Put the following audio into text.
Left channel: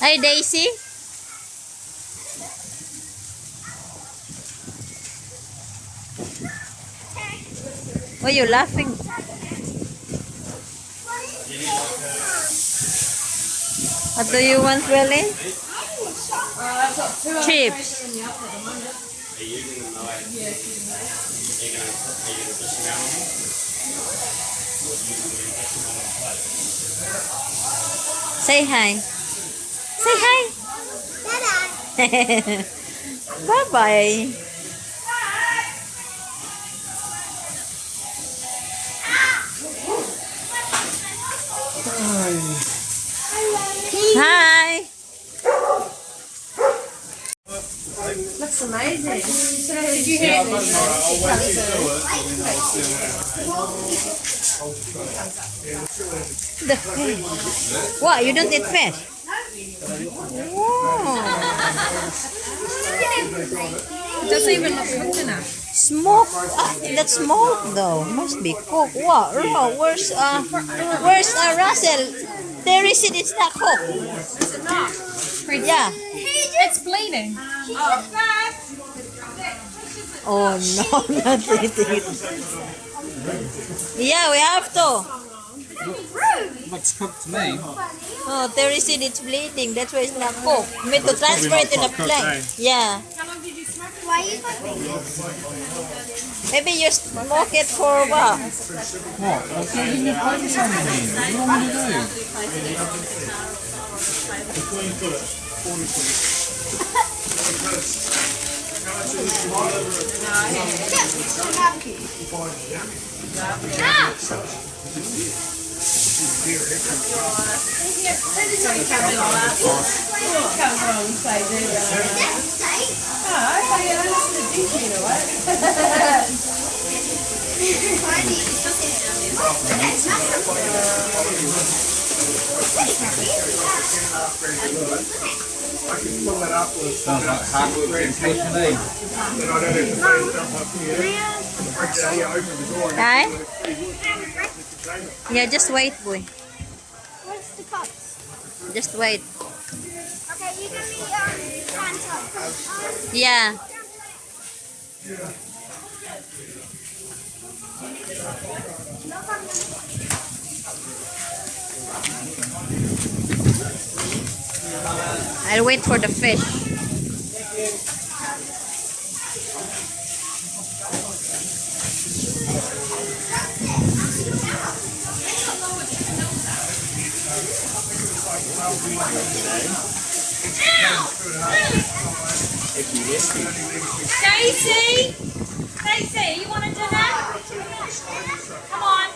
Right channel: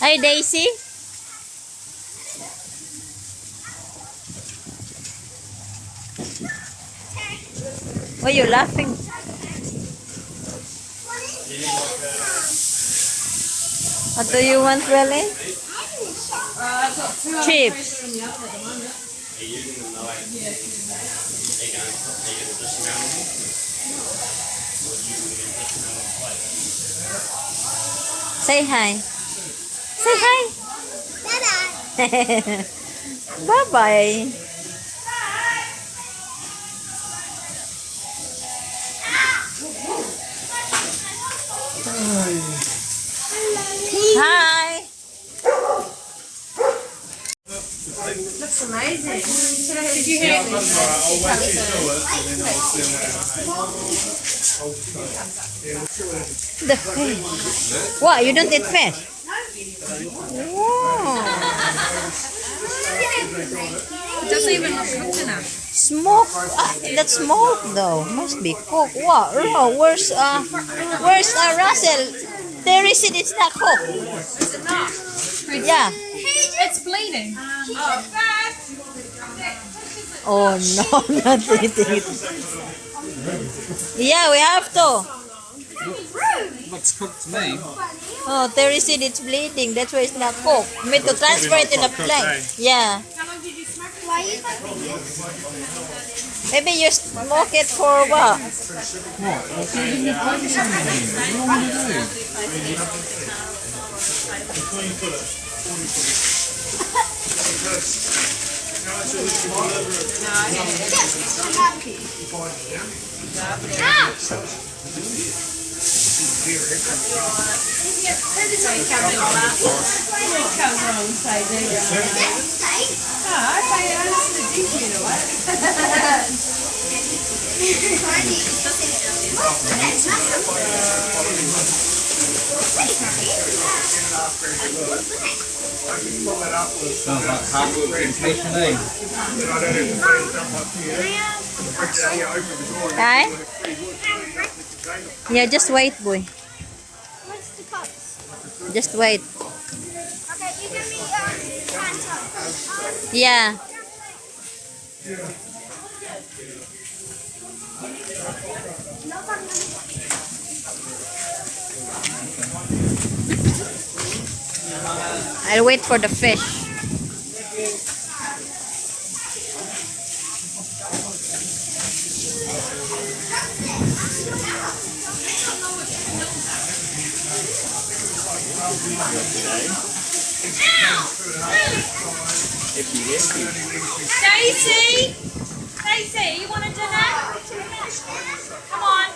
Hi, Daisy. Why are you laughing? What do you want, Welly? Chips. Say hi. Say hi. Bye-bye. Bye-bye. Hi. Looks amazing. Did you hear The fish. What? You don't eat fish? Wow. It doesn't even look coconut. Smoke. Ah, that's smoke though. Must be cooked. Wow. Oh, where's Russell? There is it. It's not cooked. Is it not? Yeah. It's bleeding. Oh no, not eating it. Yeah, we have to. Looks cooked to me. Oh, Terry said it's bleeding. That's why it's not cooked. We need to transfer it in a plant. Yeah. Maybe you smoke it for what? What? I'll put it in the plate something. What do you want me to do? Sounds like hard work and patient, eh? Hi? Yeah, just wait, boy. Where's the cups? Just wait. Okay, you give me your Yeah. I'll wait for the fish. Daisy! Daisy, you want to do that? Come on.